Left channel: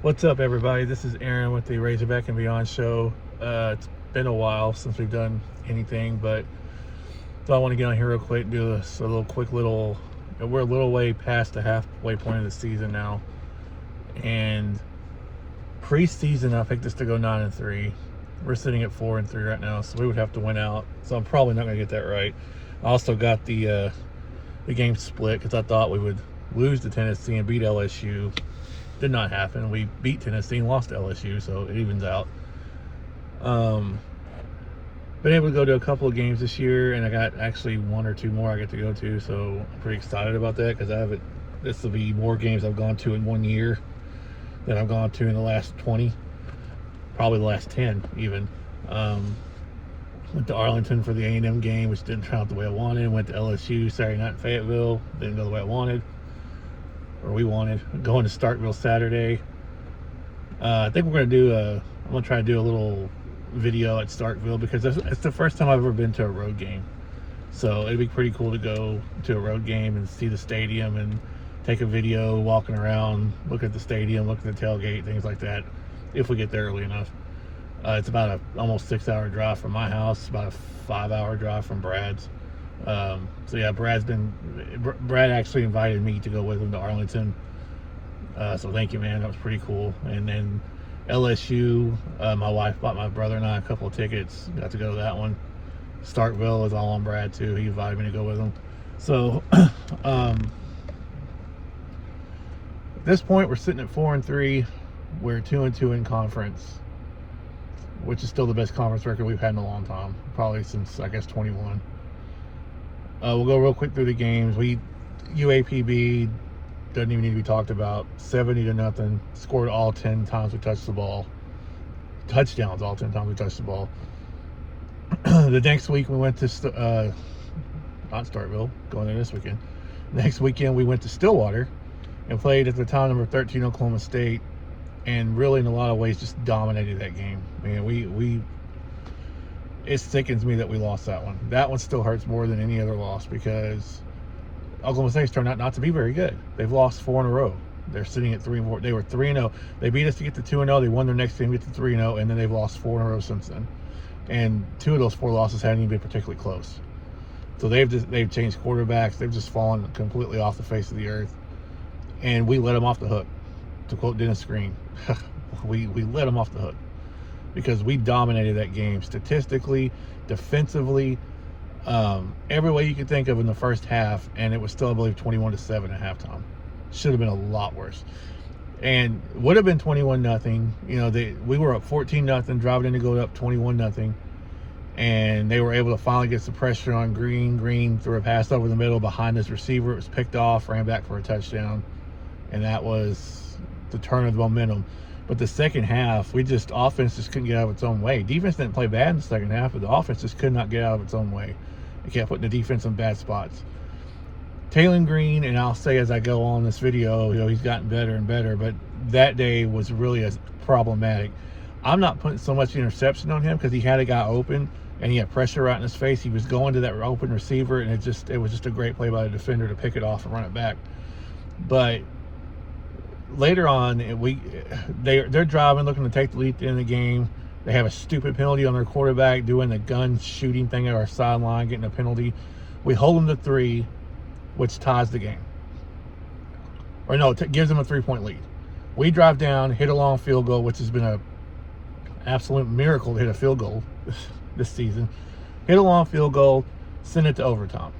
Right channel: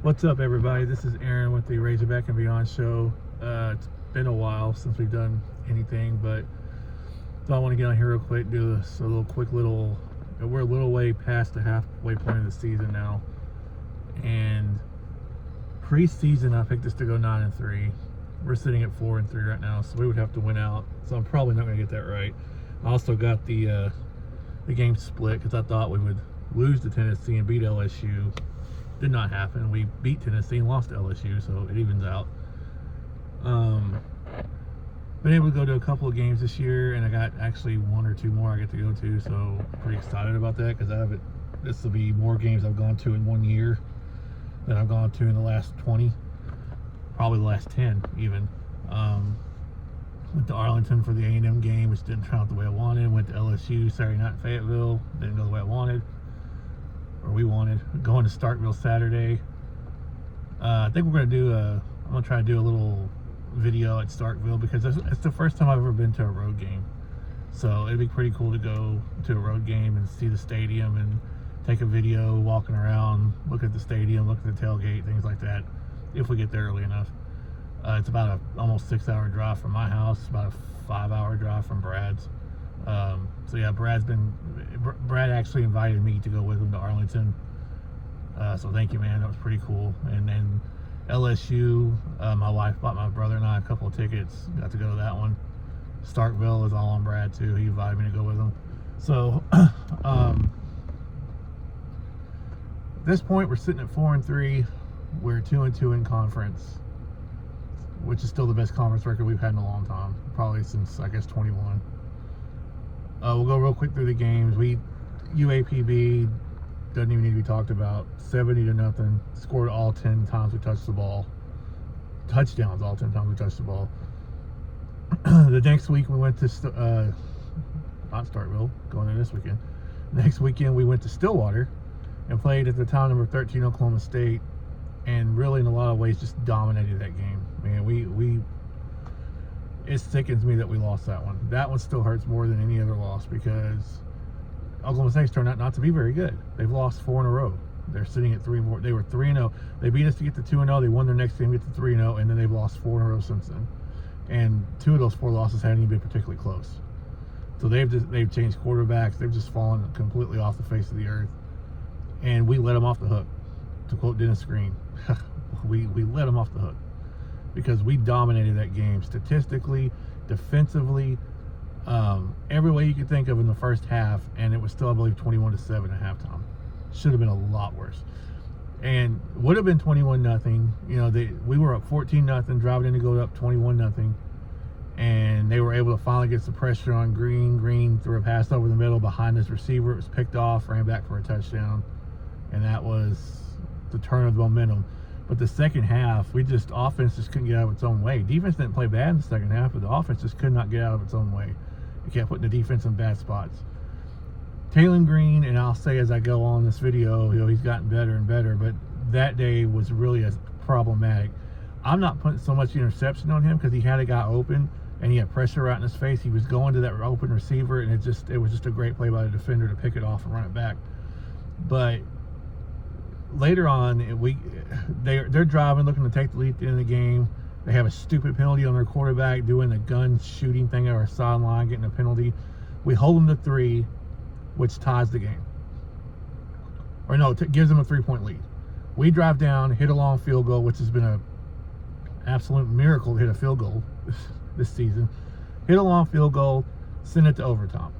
What's up, everybody? This is Aaron with the Razorback and Beyond show. It's been a while since we've done anything, but so I want to get on here real quick, do this a little quick little. We're a little way past the halfway point of the season now, and preseason I picked us to go 9-3. We're sitting at 4-3 right now, so we would have to win out. So I'm probably not going to get that right. I also got the game split because I thought we would lose to Tennessee and beat LSU. Did not happen. We beat Tennessee and lost to LSU, so it evens out. Been able to go to a couple of games this year, and I got actually one or two more I get to go to, so I'm pretty excited about that because this will be more games I've gone to in 1 year than I've gone to in the last 20, probably the last 10 even. Went to Arlington for the A&M game, which didn't turn out the way I wanted. Went to LSU Saturday night in Fayetteville, didn't go the way I wanted. Or we wanted. Going to Starkville Saturday. I think we're I'm gonna try to do a little video at Starkville because it's the first time I've ever been to a road game. So it'd be pretty cool to go to a road game and see the stadium and take a video walking around, look at the stadium, look at the tailgate, things like that, if we get there early enough. It's about a almost 6-hour drive from my house, about a 5-hour drive from Brad's. So yeah, Brad actually invited me to go with him to Arlington. So thank you, man. That was pretty cool. And then LSU, my wife bought my brother and I a couple of tickets. Got to go to that one. Starkville is all on Brad too. He invited me to go with him. So at this point, we're sitting at 4-3. We're 2-2 in conference, which is still the best conference record we've had in a long time, probably since I guess 21. We'll go real quick through the games. UAPB doesn't even need to be talked about. 70-0. Scored all 10 times we touched the ball. Touchdowns all 10 times we touched the ball. The next week we went to not Starkville, going there this weekend. Next weekend we went to Stillwater and played at the time number 13 Oklahoma State, and really in a lot of ways just dominated that game. Man, it sickens me that we lost that one. That one still hurts more than any other loss because Oklahoma State's turned out not to be very good. They've lost 4 in a row. They're sitting at 3-4. They were 3-0. They beat us to get to 2-0. They won their next game to get to 3-0, and then they've lost 4 in a row since then. And 2 of those 4 losses hadn't even been particularly close. So they've changed quarterbacks. They've just fallen completely off the face of the earth. And we let them off the hook. To quote Dennis Green, we let them off the hook because we dominated that game statistically, defensively, every way you could think of in the first half, and it was still, I believe, 21-7 at halftime. Should have been a lot worse, and would have been 21-0. We were up 14-0, driving in to go up 21-0, and they were able to finally get some pressure on Green. Green threw a pass over the middle behind his receiver. It was picked off, ran back for a touchdown, and that was the turn of the momentum. But the second half, offense just couldn't get out of its own way. Defense didn't play bad in the second half, but the offense just could not get out of its own way. It kept putting the defense in bad spots. Taylor Green, and I'll say as I go on this video, he's gotten better and better, but that day was really problematic. I'm not putting so much interception on him because he had a guy open and he had pressure right in his face. He was going to that open receiver, and it was just a great play by the defender to pick it off and run it back. But later on, they're driving, looking to take the lead at the end of the game. They have a stupid penalty on their quarterback doing the gun shooting thing at our sideline, getting a penalty. We hold them to 3, which ties the game. Or no, it gives them a 3-point lead. We drive down, hit a long field goal, which has been an absolute miracle to hit a field goal this season. Hit a long field goal, send it to overtime.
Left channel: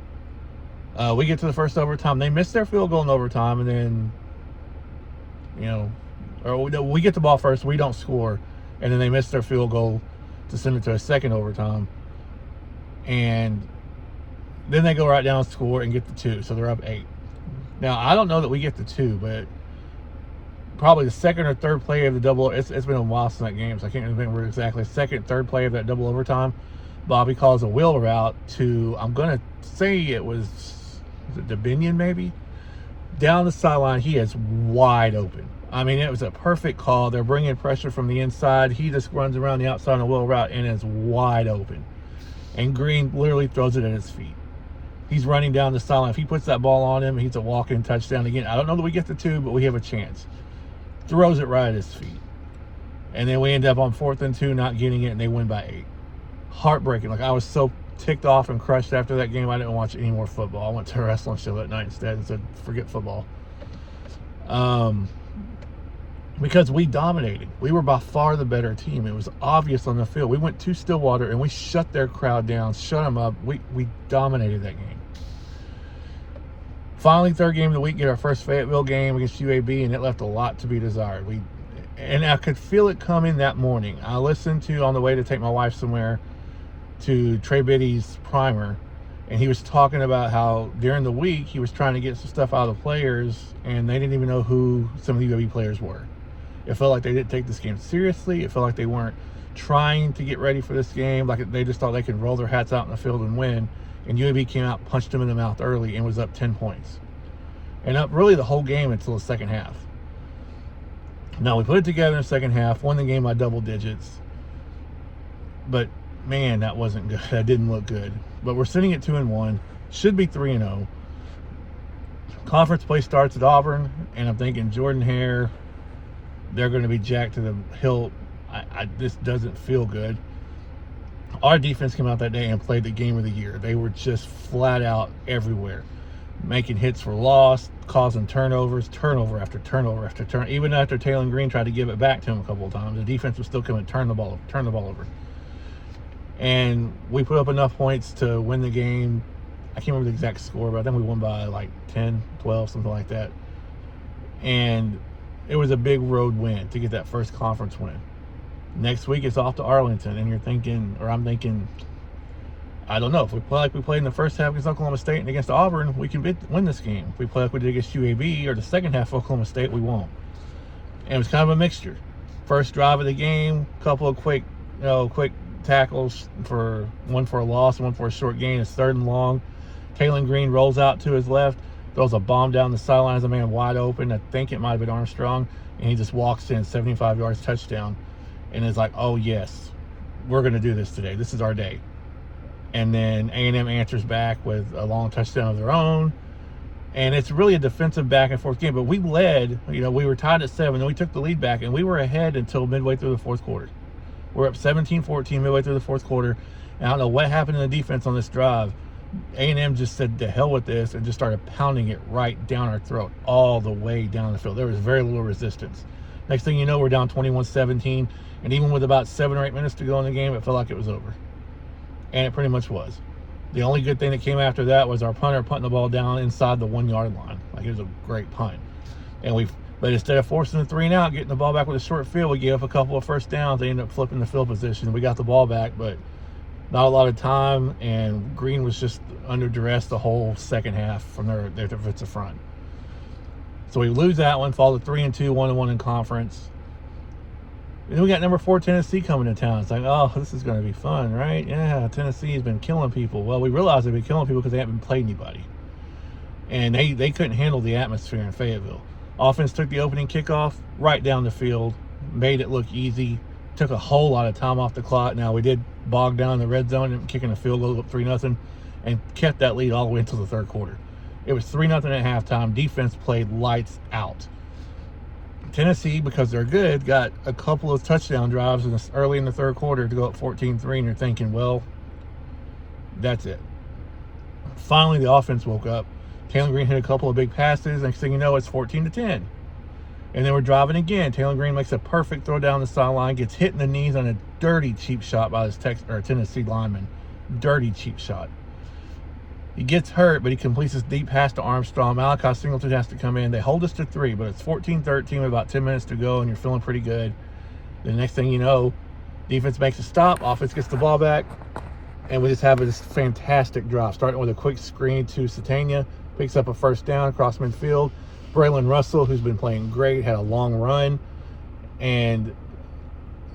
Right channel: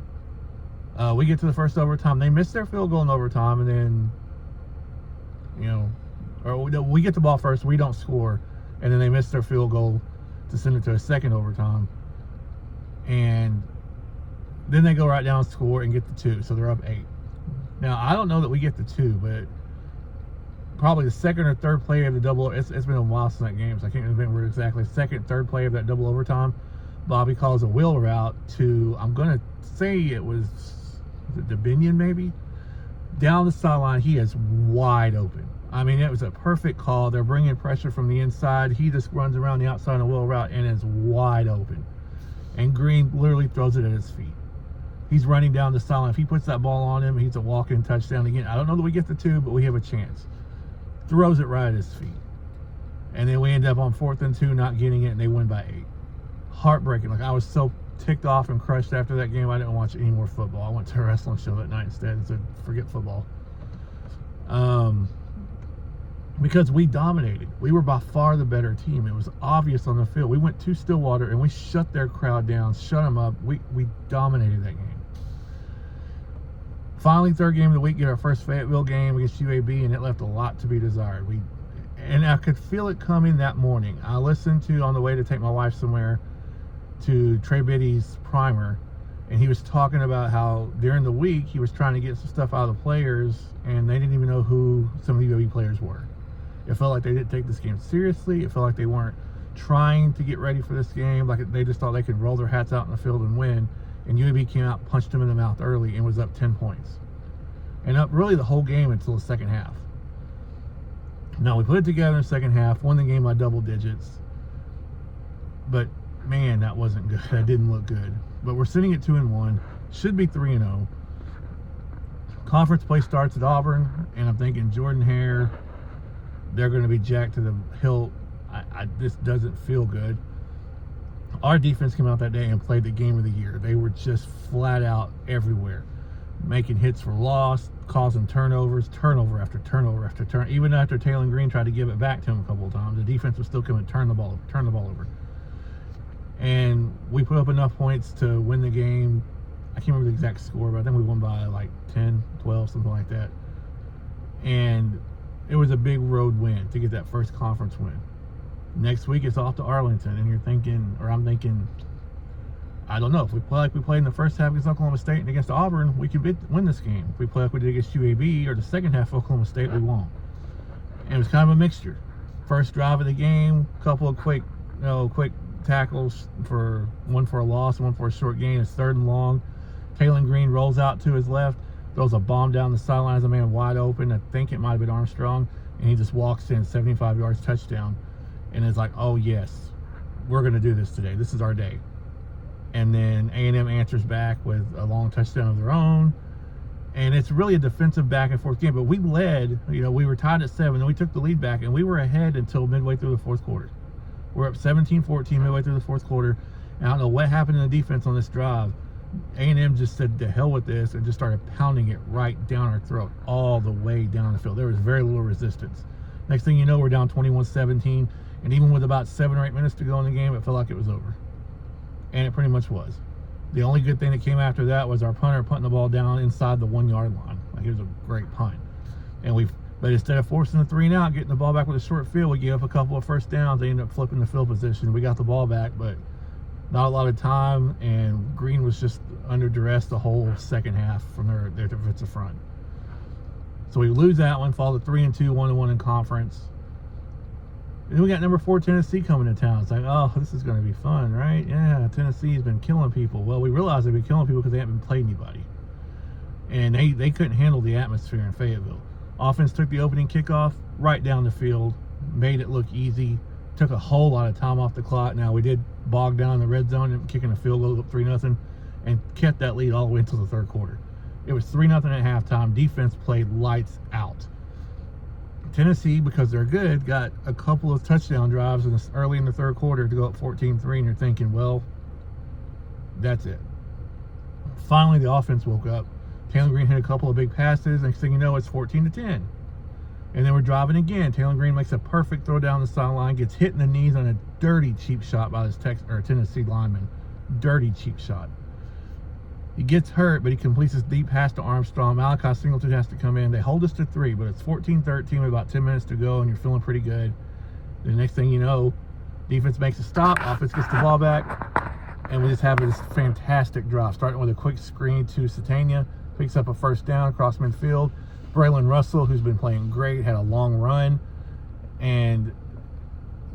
We get to the first overtime. They miss their field goal in overtime, and then we get the ball first, we don't score, and then they miss their field goal to send it to a second overtime, and then they go right down, score, and get the 2, so they're up 8. Now I don't know that we get the 2, but probably the second or third play of the double, it's been a while since that game, so I can't remember exactly. Second, third play of that double overtime, Bobby calls a wheel route to, I'm gonna say it was DeBinion maybe, down the sideline. He is wide open. I mean, it was a perfect call. They're bringing pressure from the inside. He just runs around the outside on a wheel route and is wide open. And Green literally throws it at his feet. He's running down the sideline. If he puts that ball on him, he's a walk-in touchdown again. I don't know that we get the 2, but we have a chance. throws it right at his feet. And then we end up on 4th and 2, not getting it, and they win by 8. Heartbreaking. Like, I was so ticked off and crushed after that game, I didn't watch any more football. I went to a wrestling show that night instead and said, forget football. Because we dominated. We were by far the better team. It was obvious on the field. We went to Stillwater and we shut their crowd down, shut them up. We dominated that game. Finally, third game of the week, get our first Fayetteville game against UAB, and it left a lot to be desired. And I could feel it coming that morning. I listened to, on the way to take my wife somewhere, to Trey Biddy's primer, and he was talking about how during the week he was trying to get some stuff out of the players, and they didn't even know who some of the UAB players were. It felt like they didn't take this game seriously. It felt like they weren't trying to get ready for this game. Like they just thought they could roll their hats out in the field and win. And UAB came out, punched them in the mouth early, and was up 10 points. And up really the whole game until the second half. Now, we put it together in the second half, won the game by double digits. But, man, that wasn't good. That didn't look good. But we're sitting at 2-1. Should be 3-0. Conference play starts at Auburn, and I'm thinking Jordan Hare, they're going to be jacked to the hilt. This doesn't feel good. Our defense came out that day and played the game of the year. They were just flat out everywhere, making hits for loss, causing turnovers, turnover after turnover after turn. Even after Taylor Green tried to give it back to him a couple of times, the defense was still coming to turn the ball over. And we put up enough points to win the game. I can't remember the exact score, but I think we won by like 10, 12, something like that. And it was a big road win to get that first conference win. Next week, it's off to Arlington, and you're thinking, or I'm thinking, I don't know. If we play like we played in the first half against Oklahoma State and against Auburn, we can win this game. If we play like we did against UAB or the second half of Oklahoma State, we won't. And it was kind of a mixture. First drive of the game, couple of quick tackles, one for a loss and one for a short gain. It's 3rd and long. Taylor Green rolls out to his left, throws a bomb down the sideline as a man wide open. I think it might have been Armstrong, and he just walks in 75 yards touchdown. And it's like, oh yes, we're going to do this today. This is our day. And then A&M answers back with a long touchdown of their own. And it's really a defensive back and forth game. But we led, we were tied at 7, and we took the lead back, and we were ahead until midway through the fourth quarter. We're up 17-14 midway through the fourth quarter. And I don't know what happened in the defense on this drive. A&M just said, to hell with this, and just started pounding it right down our throat, all the way down the field. There was very little resistance. Next thing you know, we're down 21-17. And even with about 7 or 8 minutes to go in the game, it felt like it was over. And it pretty much was. The only good thing that came after that was our punter punting the ball down inside the 1-yard line. Like, it was a great punt. But instead of forcing the 3 and out, getting the ball back with a short field, we gave up a couple of first downs. They ended up flipping the field position. We got the ball back, but not a lot of time. And Green was just under duress the whole second half from their defensive front. So we lose that one, fall to 3-2, 1-1 in conference. And then we got number 4 Tennessee coming to town. It's like, oh, this is going to be fun, right? Yeah, Tennessee's been killing people. Well, we realized they've been killing people because they haven't played anybody. And they couldn't handle the atmosphere in Fayetteville. Offense took the opening kickoff right down the field, made it look easy, took a whole lot of time off the clock. Now, we did bog down in the red zone and kicking a field goal up 3-0 and kept that lead all the way until the third quarter. It was 3-0 at halftime. Defense played lights out. Tennessee, because they're good, got a couple of touchdown drives early in the third quarter to go up 14-3, and you're thinking, well, that's it. Finally, the offense woke up. Taylor Green hit a couple of big passes. Next thing you know, it's 14-10. And then we're driving again. Taylor Green makes a perfect throw down the sideline, gets hit in the knees on a dirty cheap shot by his Tennessee lineman. Dirty cheap shot. He gets hurt, but he completes his deep pass to Armstrong. Malachi Singleton has to come in. They hold us to 3, but it's 14-13 with about 10 minutes to go, and you're feeling pretty good. The next thing you know, defense makes a stop. Offense gets the ball back, and we just have this fantastic drive, starting with a quick screen to Satania. Picks up a first down across midfield. Braylon Russell, who's been playing great, had a long run. And,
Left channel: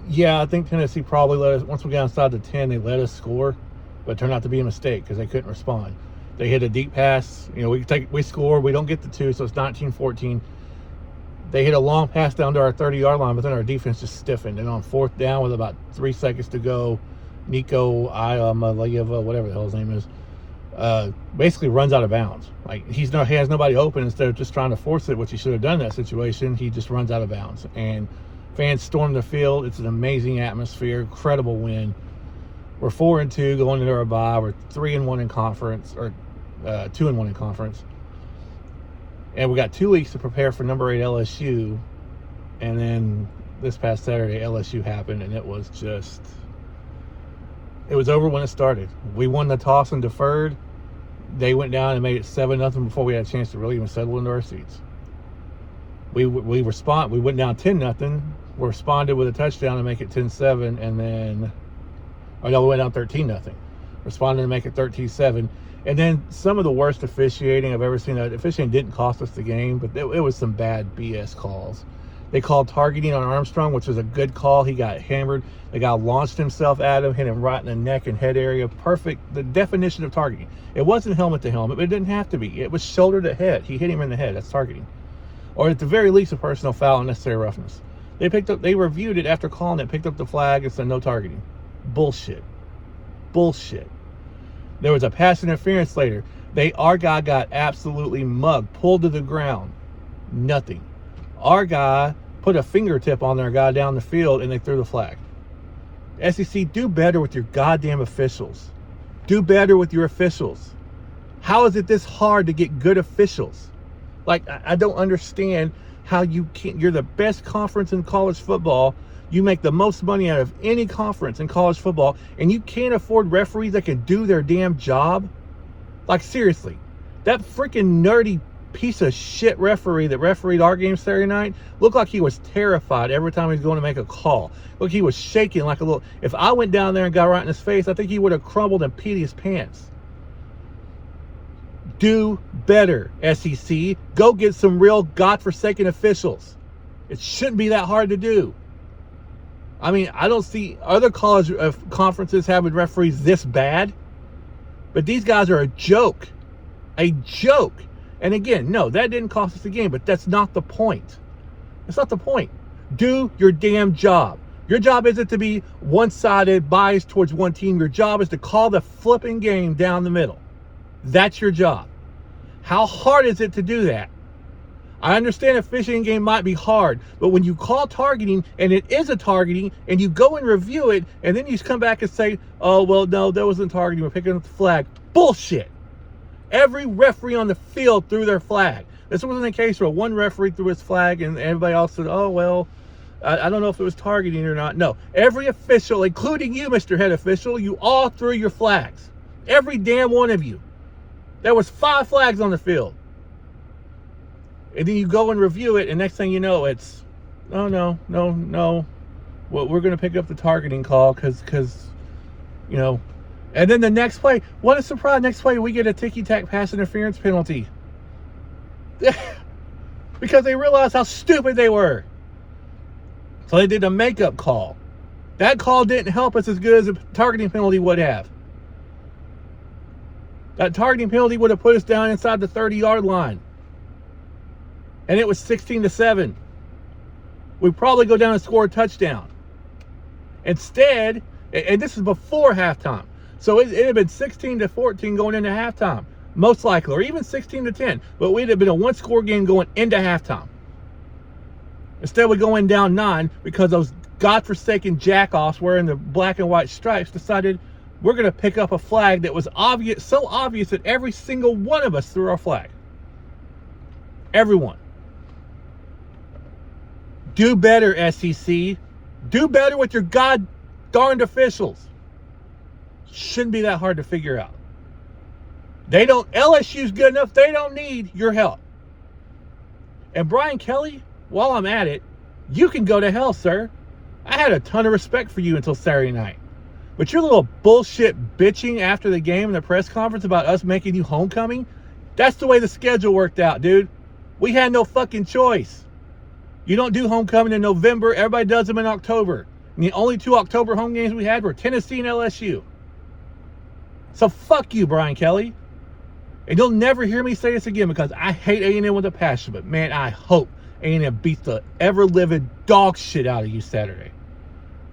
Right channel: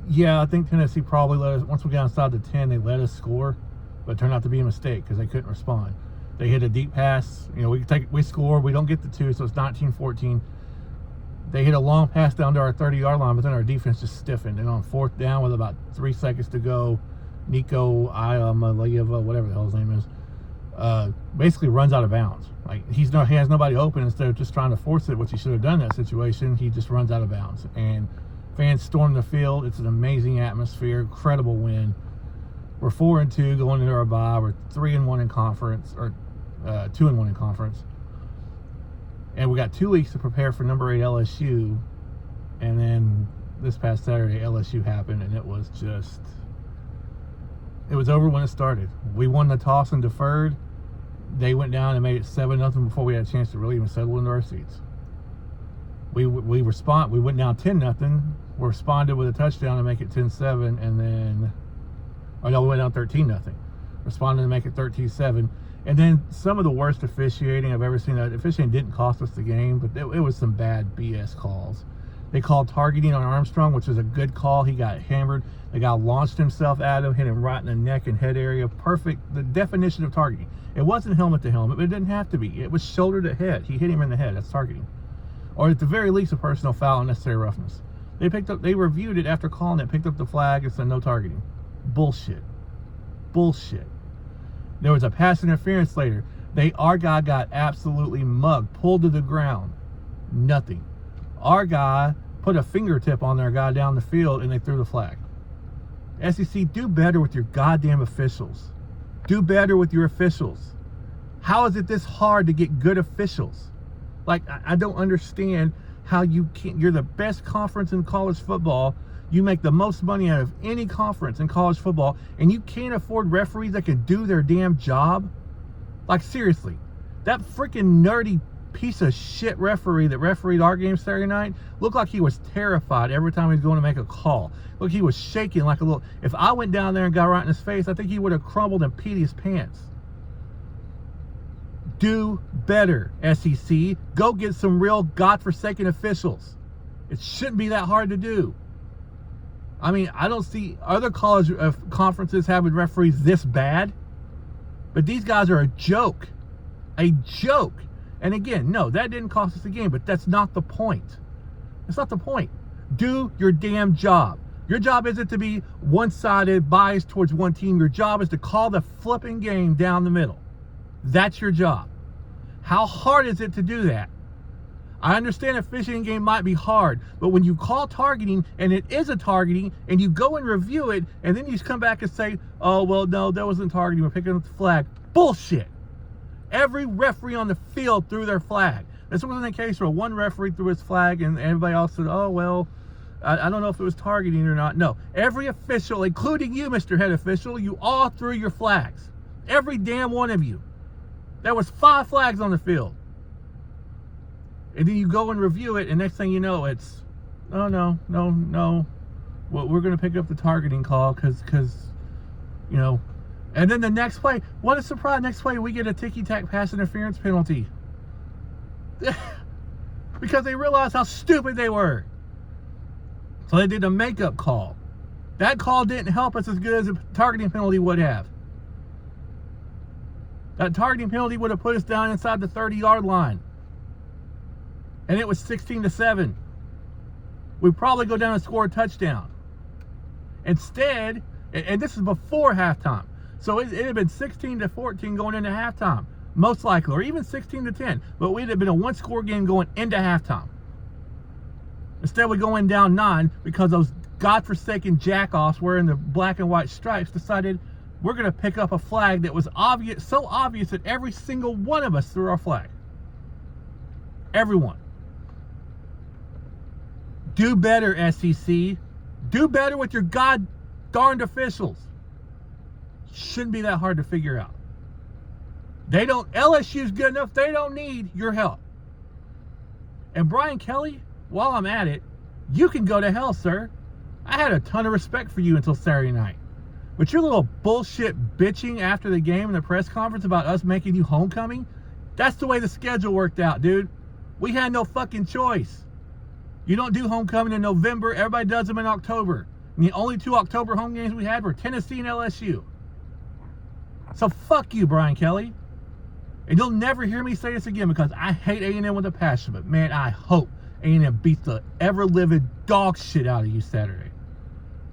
yeah, I think Tennessee probably let us, once we got inside the 10, they let us score, but it turned out to be a mistake because they couldn't respond. They hit a deep pass. We score. We don't get the 2, so it's 19-14. They hit a long pass down to our 30-yard line, but then our defense just stiffened. And on 4th down with about 3 seconds to go, Nico Iamaleava, whatever the hell his name is, basically runs out of bounds. Like he has nobody open. Instead of just trying to force it, which he should have done in that situation, he just runs out of bounds. And fans storm the field. It's an amazing atmosphere, incredible win. We're 4-2 going into our bye. We're 3-1 in conference, or 2-1 in conference. And we got 2 weeks to prepare for number 8 LSU. And then this past Saturday, LSU happened, and it was over when it started. We won the toss and deferred. They went down and made it 7-0 before we had a chance to really even settle into our seats. We went down 10-0. We responded with a touchdown to make it 10-7, and then, we went down 13-0. Responded to make it 13-7. And then some of the worst officiating I've ever seen. The officiating didn't cost us the game, but it was some bad BS calls. They called targeting on Armstrong, which was a good call. He got hammered. The guy launched himself at him, hit him right in the neck and head area. Perfect. The definition of targeting. It wasn't helmet to helmet, but it didn't have to be. It was shoulder to head. He hit him in the head. That's targeting. Or at the very least, a personal foul, unnecessary roughness. They reviewed it after calling it, picked up the flag, and said no targeting. Bullshit. There was a pass interference later. Our guy got absolutely mugged, pulled to the ground. Nothing. Our guy put a fingertip on their guy down the field, and they threw the flag. SEC, do better with your goddamn officials. Do better with your officials. How is it this hard to get good officials? Like, I don't understand how you can't. You're the best conference in college football. You make the most money out of any conference in college football, and you can't afford referees that can do their damn job? Like, seriously. That freaking nerdy piece of shit referee that refereed our game Saturday night looked like he was terrified every time he was going to make a call. Look, he was shaking like a little. If I went down there and got right in his face, I think he would have crumbled and peed his pants. Do better, SEC. Go get some real godforsaken officials. It shouldn't be that hard to do. I mean, I don't see other college conferences having referees this bad, but these guys are a joke. A joke. And again, no, that didn't cost us the game, but that's not the point. That's not the point. Do your damn job. Your job isn't to be one-sided, biased towards one team. Your job is to call the flipping game down the middle. That's your job. How hard is it to do that? I understand a fishing game might be hard, but when you call targeting, and it is a targeting, and you go and review it, and then you come back and say, oh, well, no, that wasn't targeting, we're picking up the flag. Bullshit. Every referee on the field threw their flag. This wasn't a case where one referee threw his flag and everybody else said, oh, well, I don't know if it was targeting or not. No, every official, including you, Mr. Head Official, you all threw your flags. Every damn one of you. There was 5 flags on the field. And then you go and review it, and next thing you know, it's, oh, no. Well, we're going to pick up the targeting call because, you know. And then the next play, what a surprise, next play we get a ticky-tack pass interference penalty. Because they realized how stupid they were. So they did a makeup call. That call didn't help us as good as a targeting penalty would have. That targeting penalty would have put us down inside the 30-yard line. And it was 16-7. We'd probably go down and score a touchdown. Instead, and this is before halftime, so it had been 16-14 going into halftime, most likely, or even 16-10. But we'd have been a one-score game going into halftime. Instead, we're going down 9 because those godforsaken jackoffs wearing the black and white stripes decided we're going to pick up a flag that was obvious, so obvious that every single one of us threw our flag. Everyone. Do better, SEC. Do better with your god-darned officials. Shouldn't be that hard to figure out. LSU's good enough. They don't need your help. And Brian Kelly, while I'm at it, you can go to hell, sir. I had a ton of respect for you until Saturday night. But your little bullshit bitching after the game in the press conference about us making you homecoming, that's the way the schedule worked out, dude. We had no fucking choice. You don't do homecoming in November. Everybody does them in October. And the only 2 October home games we had were Tennessee and LSU. So fuck you, Brian Kelly. And you'll never hear me say this again because I hate A&M with a passion. But man, I hope A&M beats the ever-living dog shit out of you Saturday.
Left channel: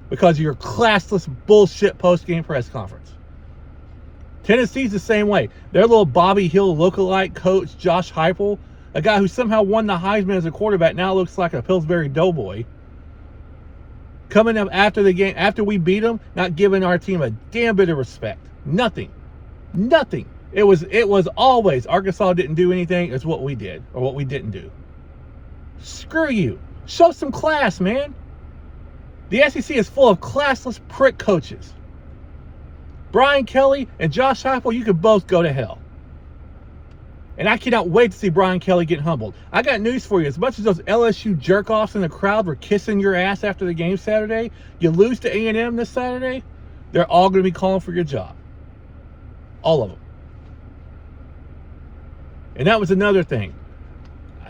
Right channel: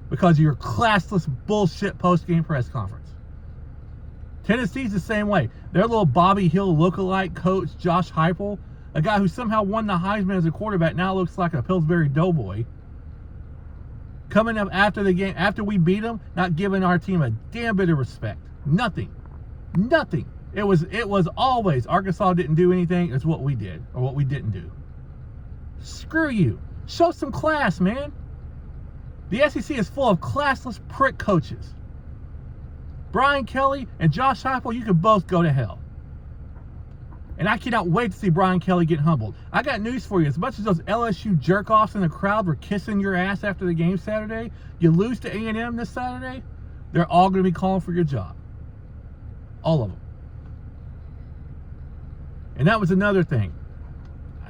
Because of your classless bullshit post-game press conference. Tennessee's the same way. Their little Bobby Hill lookalike coach, Josh Heupel, a guy who somehow won the Heisman as a quarterback, now looks like a Pillsbury Doughboy. Coming up after the game, after we beat them, not giving our team a damn bit of respect. Nothing. It was always Arkansas didn't do anything. It's what we did or what we didn't do. Screw you. Show some class, man. The SEC is full of classless prick coaches. Brian Kelly and Josh Heupel, you could both go to hell. And I cannot wait to see Brian Kelly get humbled. I got news for you. As much as those LSU jerk-offs in the crowd were kissing your ass after the game Saturday, you lose to A&M this Saturday, they're all going to be calling for your job. All of them. And that was another thing.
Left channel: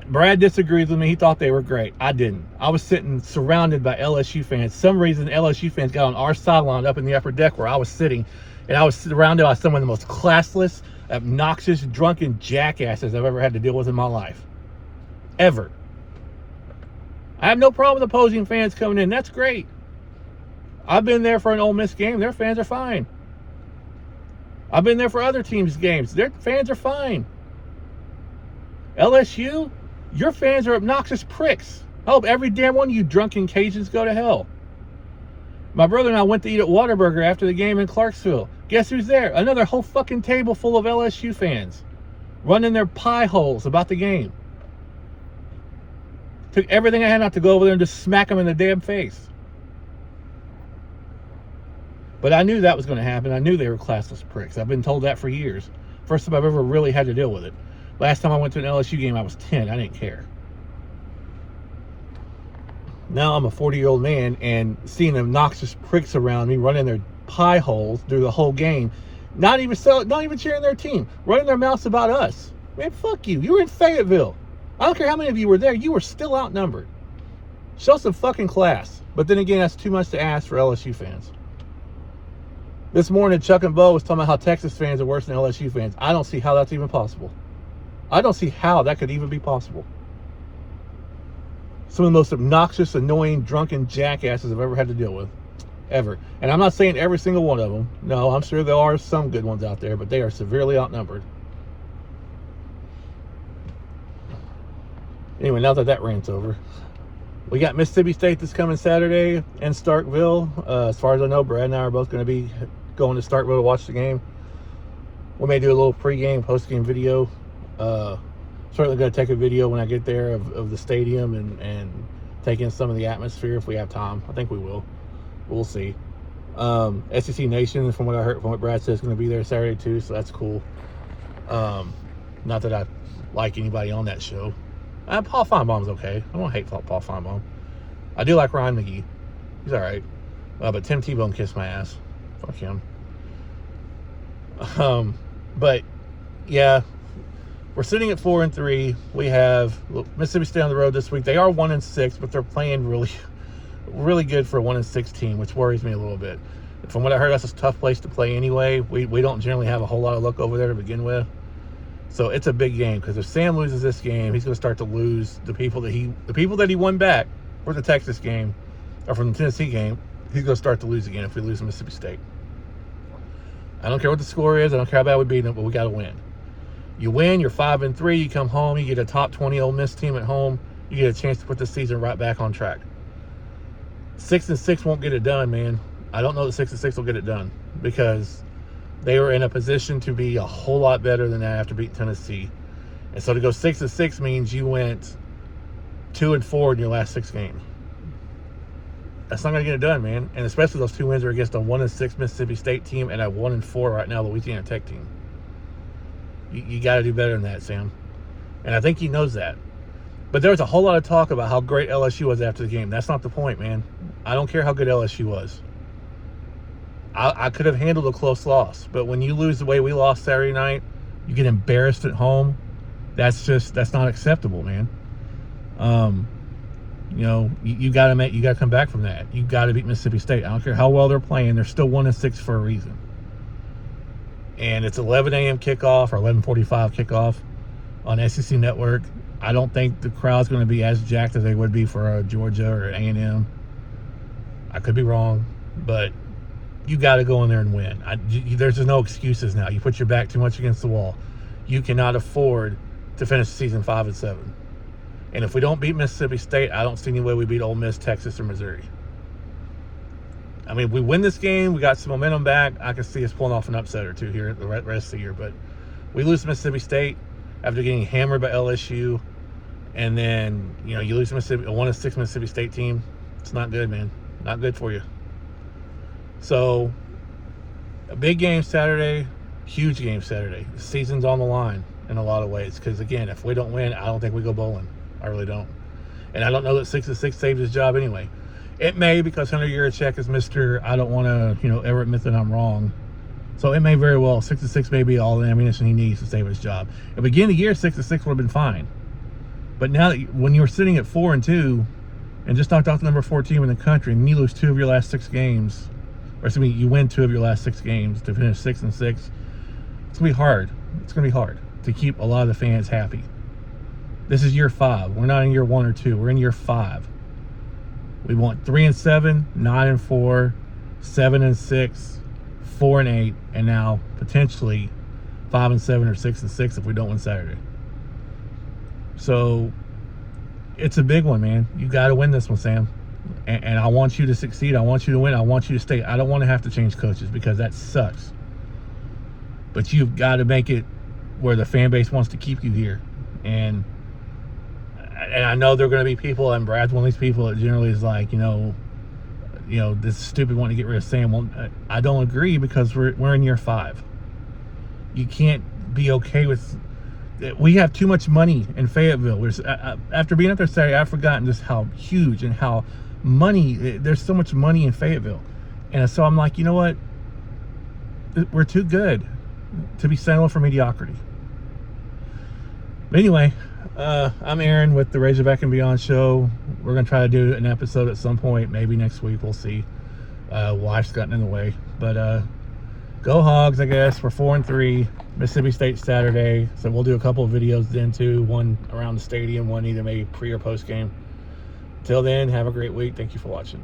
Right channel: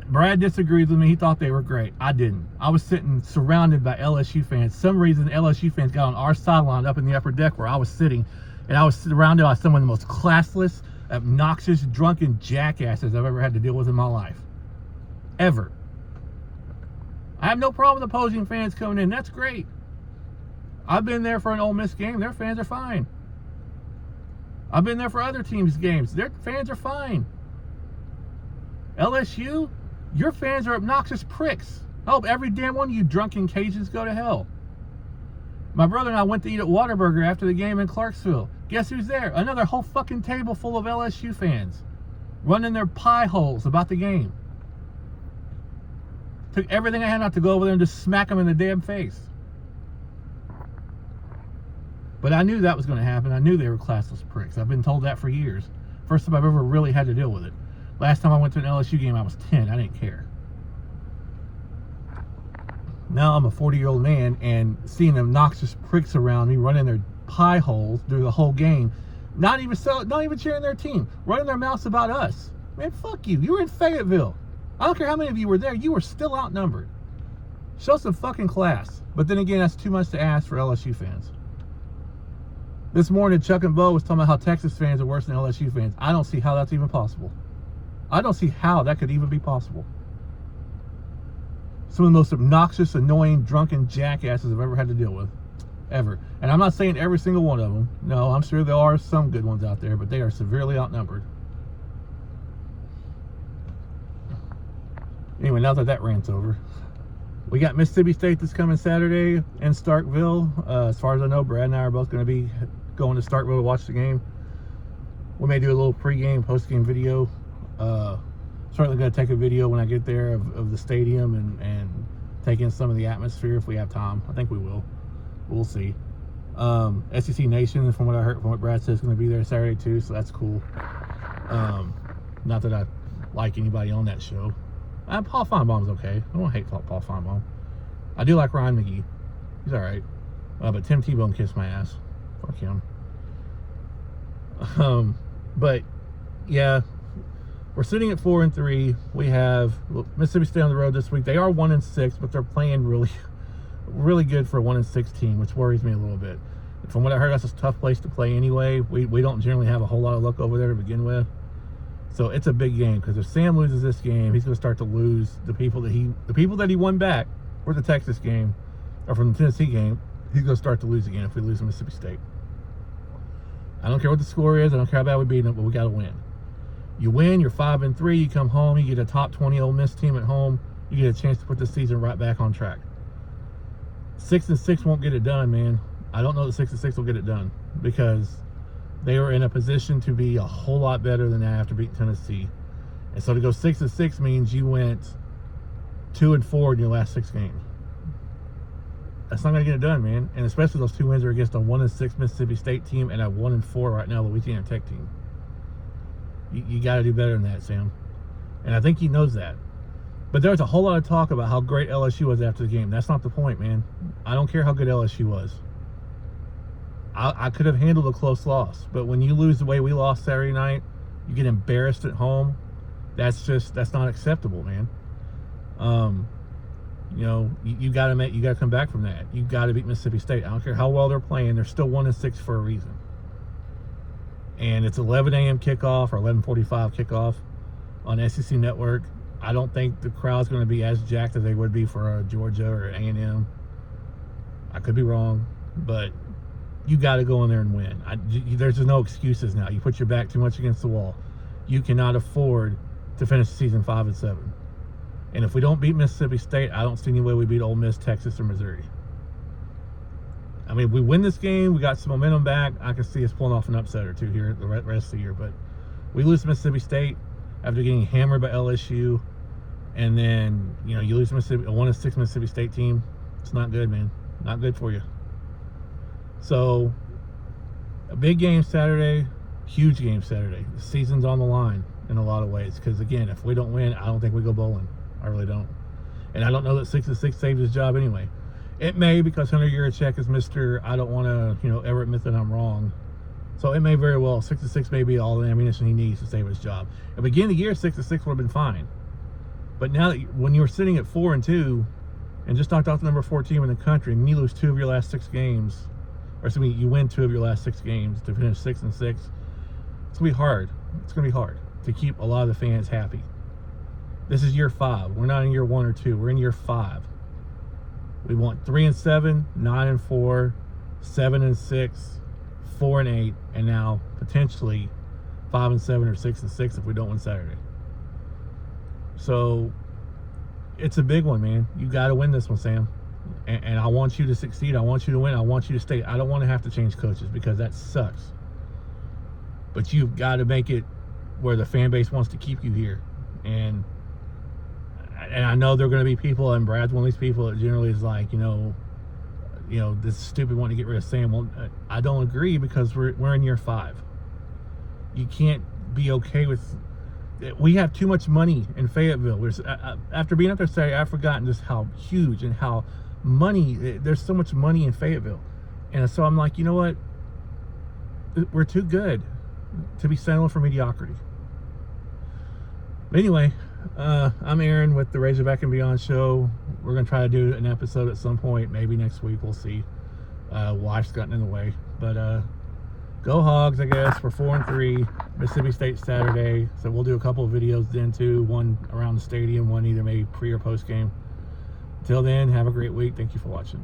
Brad disagrees with me. He thought they were great. I didn't. I was sitting surrounded by LSU fans. For some reason, LSU fans got on our sideline up in the upper deck where I was sitting, and I was surrounded by some of the most classless, obnoxious, drunken jackasses I've ever had to deal with in my life. Ever. I have no problem with opposing fans coming in. That's great. I've been there for an Ole Miss game. Their fans are fine. I've been there for other teams' games. Their fans are fine. LSU, your fans are obnoxious pricks. I hope every damn one of you drunken Cajuns go to hell. My brother and I went to eat at Whataburger after the game in Clarksville. Guess who's there? Another whole fucking table full of LSU fans. Running their pie holes about the game. Took everything I had not to go over there and just smack them in the damn face. But I knew that was going to happen. I knew they were classless pricks. I've been told that for years. First time I've ever really had to deal with it. Last time I went to an LSU game, I was 10. I didn't care. Now I'm a 40-year-old man, and seeing the obnoxious pricks around me running their pie holes through the whole game, not even cheering their team, running their mouths about us. Man, fuck you. You were in Fayetteville. I don't care how many of you were there. You were still outnumbered. Show some fucking class. But then again, that's too much to ask for LSU fans. This morning, Chuck and Bo was talking about how Texas fans are worse than LSU fans. I don't see how that's even possible. I don't see how that could even be possible. Some of the most obnoxious, annoying, drunken jackasses I've ever had to deal with. Ever. And I'm not saying every single one of them. No, I'm sure there are some good ones out there, but they are severely outnumbered. Anyway, now that rant's over. We got Mississippi State this coming Saturday in Starkville. As far as I know, Brad and I are both going to be going to Starkville to watch the game. We may do a little pre-game, post-game video. Certainly going to take a video when I get there of the stadium and take in some of the atmosphere if we have time. I think we will. We'll see. SEC Nation, from what I heard, from what Brad said, is going to be there Saturday too, so that's cool. Not that I like anybody on that show. Paul Feinbaum's okay. I don't hate Paul Feinbaum. I do like Ryan McGee. He's all right. But Tim Tebow kissed my ass. Fuck him. But yeah, we're sitting at 4-3. We have Mississippi State on the road this week. They are 1-6, but they're playing really good for a 1-6 team, which worries me a little bit. From what I heard, that's a tough place to play anyway. We don't generally have a whole lot of luck over there to begin with. So it's a big game, because if Sam loses this game, he's going to start to lose the people that he won back for the Texas game or from the Tennessee game. He's going to start to lose again if we lose to Mississippi State. I don't care what the score is. I don't care how bad we beat them, but we got to win. You win, you're 5-3. You come home, you get a top 20 Ole Miss team at home. You get a chance to put the season right back on track. 6-6 won't get it done, man. I don't know that 6-6 will get it done, because they were in a position to be a whole lot better than that after beating Tennessee. And so to go 6-6 means you went 2-4 in your last 6 games. That's not going to get it done, man. And especially those 2 wins are against a 1-6 Mississippi State team and a 1-4 right now Louisiana Tech team. You got to do better than that, Sam. And I think he knows that. But there was a whole lot of talk about how great LSU was after the game. That's not the point, man. I don't care how good LSU was. I could have handled a close loss, but when you lose the way we lost Saturday night, you get embarrassed at home. That's not acceptable, man. You know, you got to come back from that. You got to beat Mississippi State. I don't care how well they're playing; they're still 1-6 for a reason. And it's 11 a.m. kickoff or 11:45 kickoff on SEC Network. I don't think the crowd's going to be as jacked as they would be for Georgia or A&M. I could be wrong, but you got to go in there and win. There's just no excuses now. You put your back too much against the wall. You cannot afford to finish the season 5-7. And if we don't beat Mississippi State, I don't see any way we beat Ole Miss, Texas, or Missouri. I mean, we win this game, we got some momentum back. I can see us pulling off an upset or two here the rest of the year. But we lose to Mississippi State after getting hammered by LSU, and then you lose to Mississippi, a 1-6 Mississippi State team. It's not good, man. Not good for you. So, a big game Saturday, huge game Saturday. The season's on the line in a lot of ways. Because again, if we don't win, I don't think we go bowling. I really don't. And I don't know that 6-6 saved his job anyway. It may, because Hunter Yurachek is Mr. I don't want to, ever admit that I'm wrong. So it may very well, 6-6 may be all the ammunition he needs to save his job. At the beginning of the year, 6-6 would have been fine. But now that when you're sitting at 4-2 and just knocked off the number 4 team in the country, and you lose 2 of your last 6 games, or excuse me, you win 2 of your last 6 games to finish 6-6, it's going to be hard. It's going to be hard to keep a lot of the fans happy. This is year 5. We're not in year 1 or 2. We're in year 5. We want 3-7, 9-4, 7-6, 4-8, and now potentially 5-7 or 6-6 if we don't win Saturday. So it's a big one, man. You got to win this one, Sam. And I want you to succeed. I want you to win. I want you to stay. I don't want to have to change coaches because that sucks. But you've got to make it where the fan base wants to keep you here. And I know there are going to be people, and Brad's one of these people that generally is like, this stupid wanting to get rid of Sam. Well, I don't agree because we're in year 5. You can't be okay with. We have too much money in Fayetteville. After being up there Saturday, I've forgotten just how huge and how there's so much money in Fayetteville. And so I'm like, you know what? We're too good to be settling for mediocrity. But anyway, I'm Aaron with the Razorback and Beyond show. We're going to try to do an episode at some point, maybe next week. We'll see. Life's gotten in the way. But go Hogs, I guess. We're 4-3. Mississippi State Saturday. So we'll do a couple of videos then too. One around the stadium, one either maybe pre or post game. Until then, have a great week. Thank you for watching.